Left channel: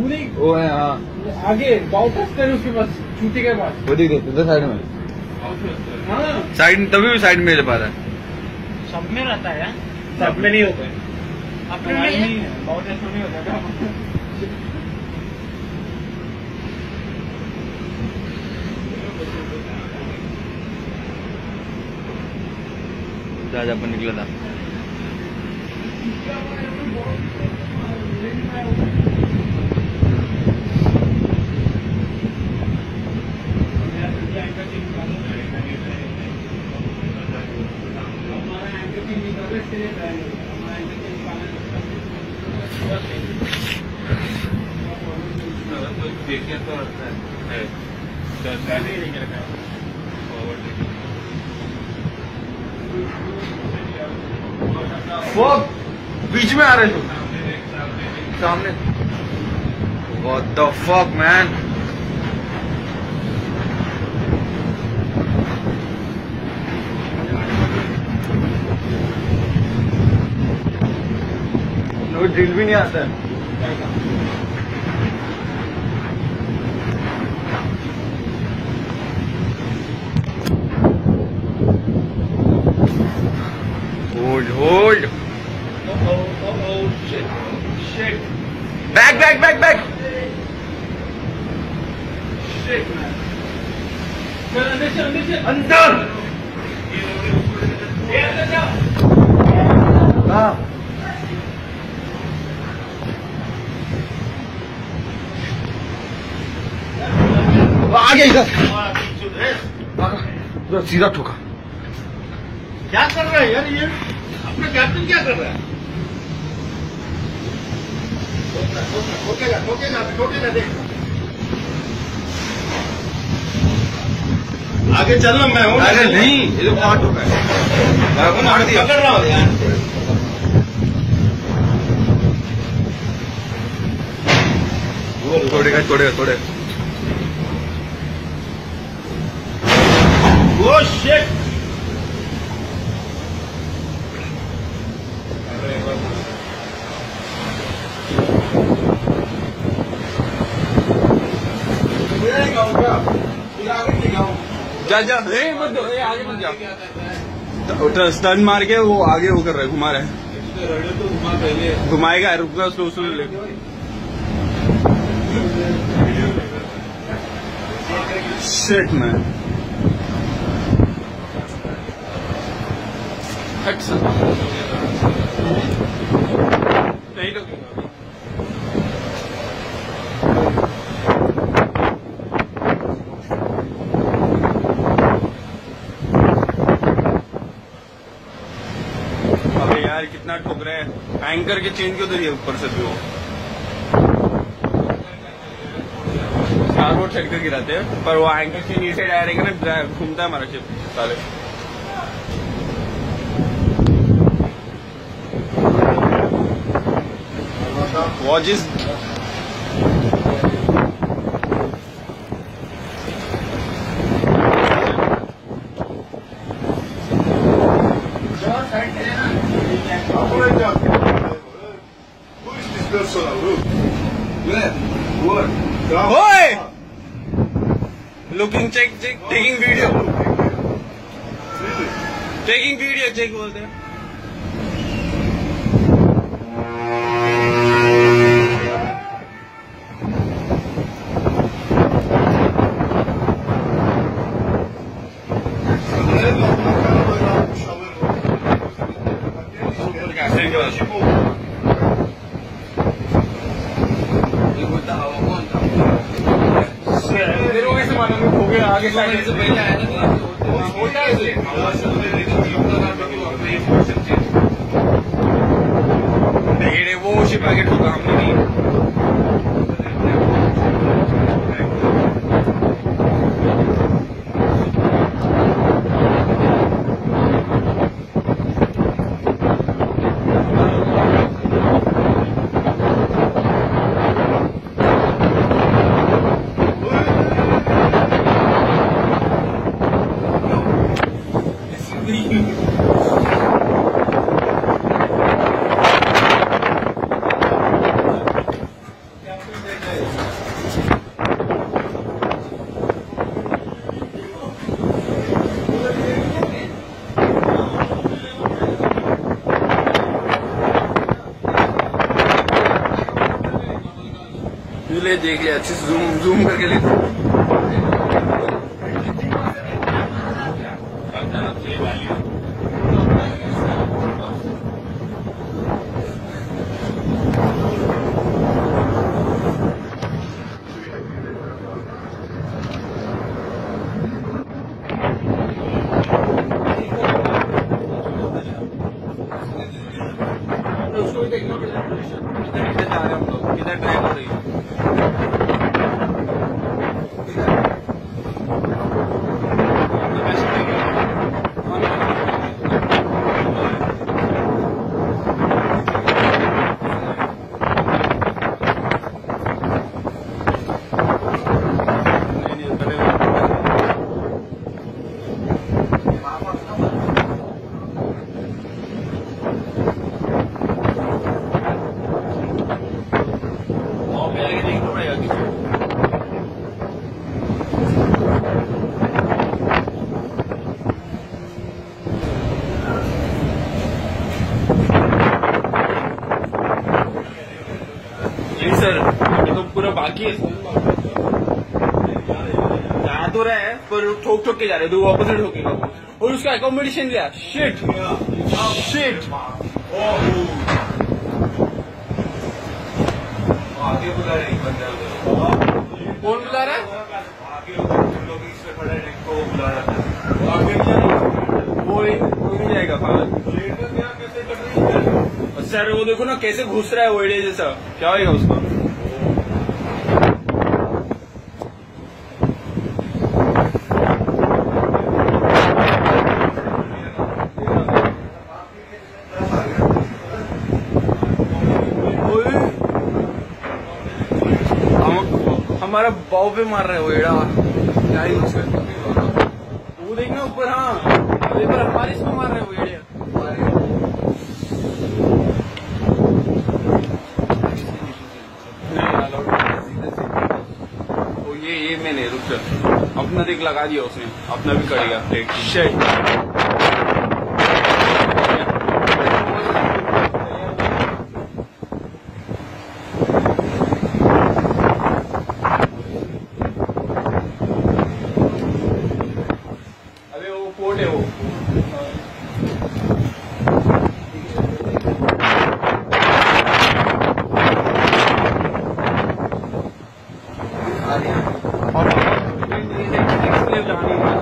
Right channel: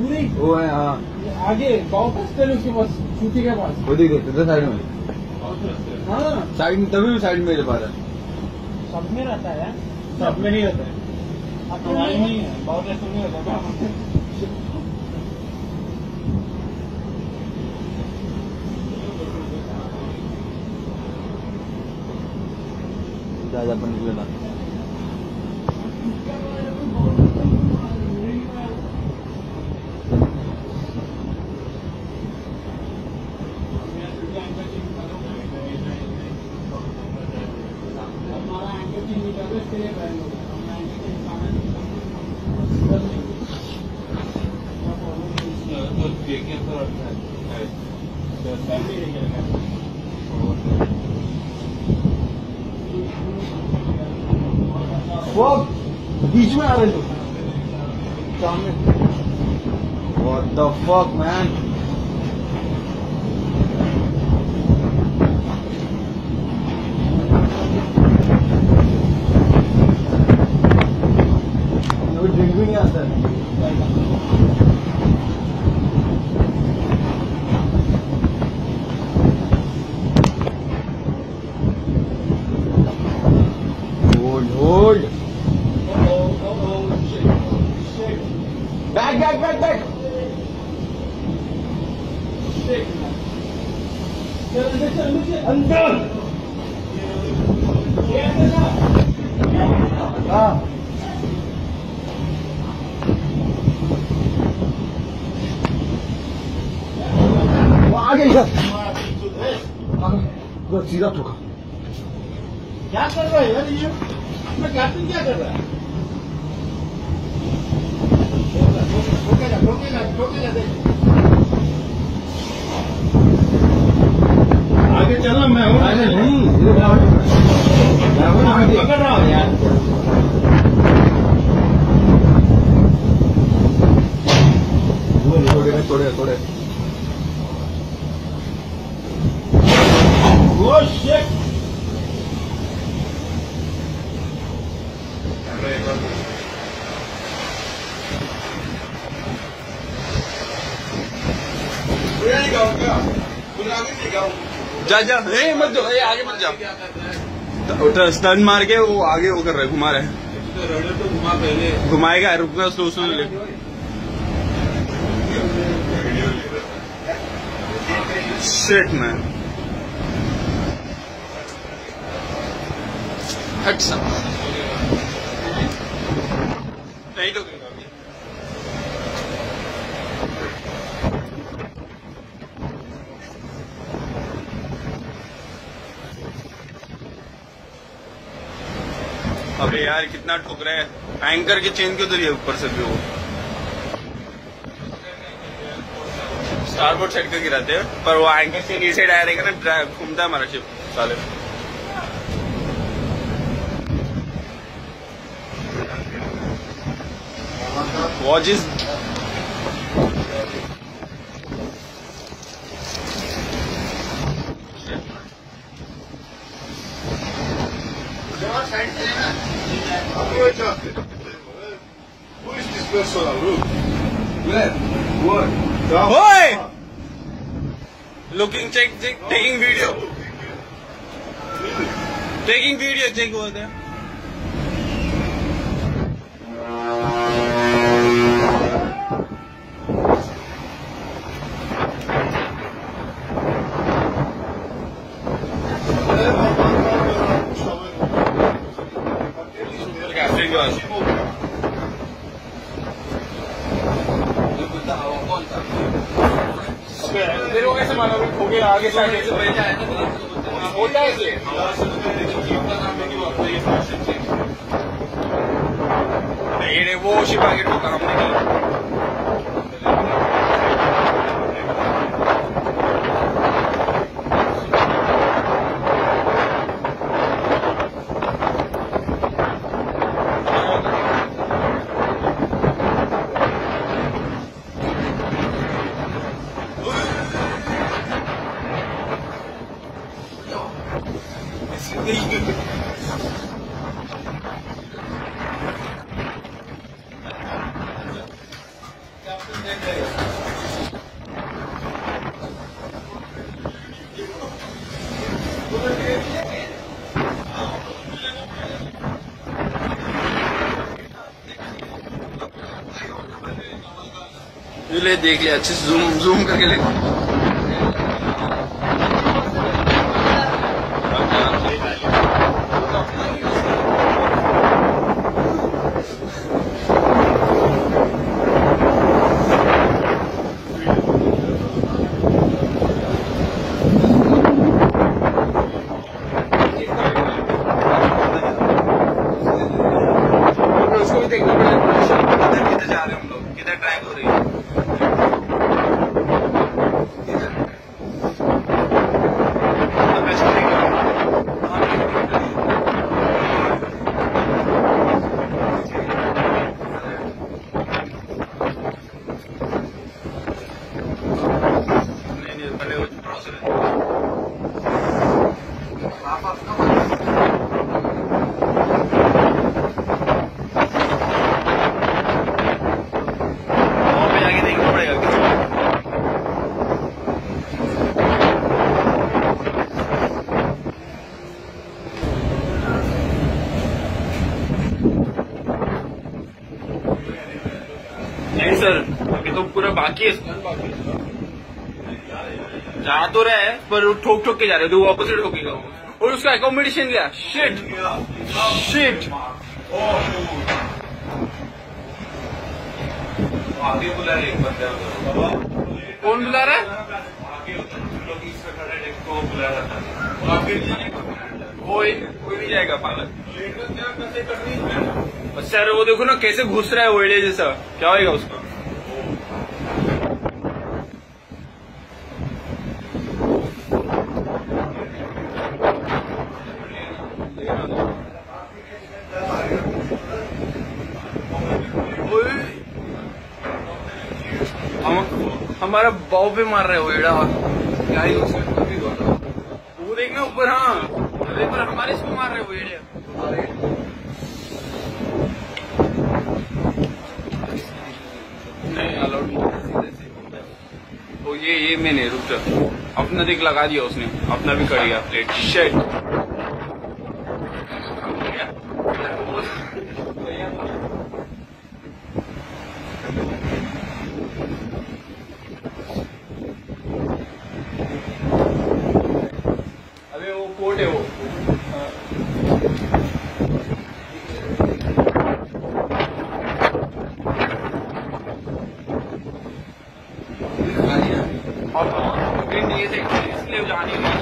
वो है हाँ आगे बहुत रास्ते है उसके पास, चूटी के पास। वो दिख रही साइड में। हाँ साइड तभी भी साइड में ले पा रहा है। सब में रहता है यार, सब में नहीं होता है, अपने में नहीं है, बहुत रास्ते नहीं होता है। जहाज अपन निकला था। वो बीच में आ रहे थे सामने। What the fuck man? वो ड्रिल भी नहीं आता है। Hold. Oh, shit. Back. Shit, man. अंदर। हाँ। आ गया इधर। सीधा ठोका। क्या कर रहा है यार ये? अपना कैप्टन क्या कर रहा है? ठोकेगा देख। आगे चलना मैं हूँ। अरे नहीं, ये तो मार चुका है। मैं मार दिया। कर रहा हूँ यार। तोड़ेगा। Oh shit! जा मत दो, आगे मत जा। टर्न मार के वो आगे वो कर रहा है, घुमा रहा है। तो घुमा पहले घुमाएगा, रुकना स्लो ले। शिट मैन, हट सा नहीं तो अबे यार कितना ठोक रहा है। एंकर के चेन क्यों उधर ऊपर से भी वो स्टारबोर्ड साइड का गिराते हैं, पर वो एंकर चेन ये साइड आया रहेगा ना, घूमता है हमारा शिप साले। Watch is Who is this person? Look. What? Oi! Looking, check, taking video. Taking video, check over there. Captain के पास मेरे को कैसे मालूम है ठोके आगे से पहले आया था होता है ये वो शिप आगे ठोका हमने नहीं। ले देख लिया अच्छे से जूम जूम करके ले उसको भी देखना पड़ेगा किधर जा रहे हैं हम लोग, किधर ट्रैक हो रही है। सर अभी तो पूरा बाकी है, जा तो रहा है पर ठोक ठोक के जा रहे हैं, तो ऑपोजिट ठोकेगा वो, और उसका अकोमोडेशन लिया। शिट शिट आगे बुला रहे एक बंदा, कौन बुला रहा है? आगे लोग इस पे खड़ा है को बुला रहा था, वो आगे नहीं जाएगा, कोई नहीं जाएगा पागल। लेट कर क्या कैसे कर रही है सर वो देखो ना कैसे घुस रहा है ओएडे जैसा, क्या होगा उसका? हमारा बाव पे मार रहा है ओएडा, क्या ही वो देखना ऊपर। हाँ अरे पर हमारे इसको मार रहे ओएडे। ये मैंने रुक जा, अपना देख लगा दिया उसने, अपना भी कट गया प्लेट। शिट अबे वो पोर्ट है वो। इसलिए जानी नहीं।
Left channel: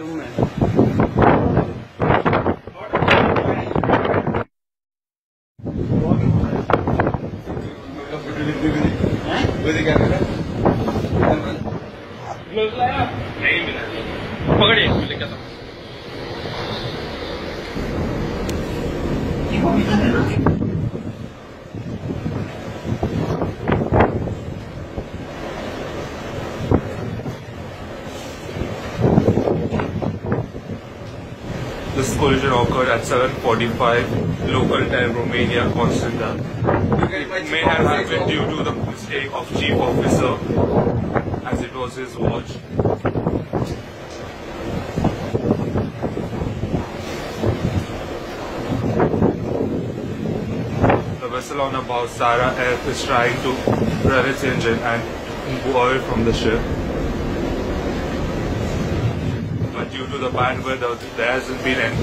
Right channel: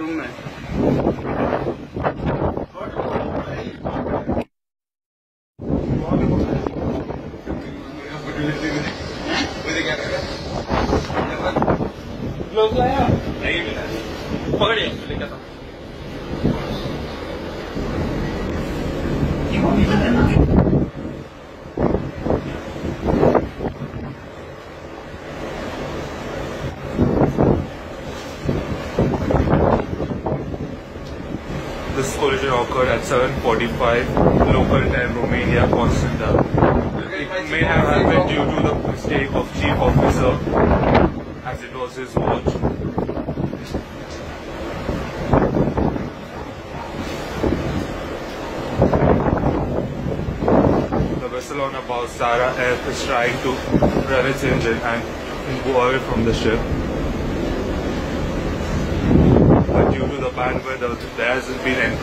रूम में ग्लोव लाया नहीं मिला, पकड़िए मिले क्या था। This collision occurred at 7:45 local time, Romania, Constanta. It may have happened due to the mistake of chief officer, as it was his watch. The vessel on about Zara F is trying to rev its engine and move away from the ship. But due to the bad weather, there hasn't been any.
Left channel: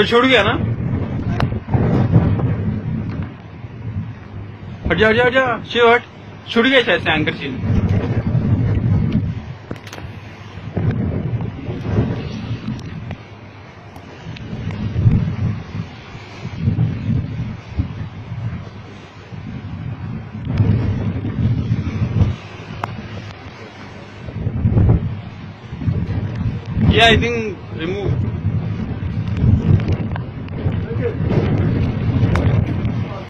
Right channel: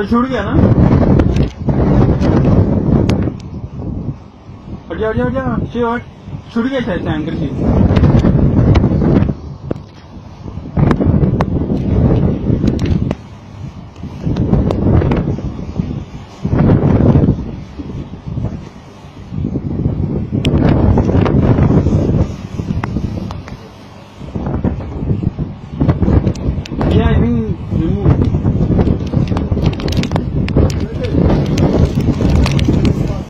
तो छूट गया ना? हट जा हट जा हट जा, शिव हट। छूट गया शायद से anchor seal. Yeah, I think remove.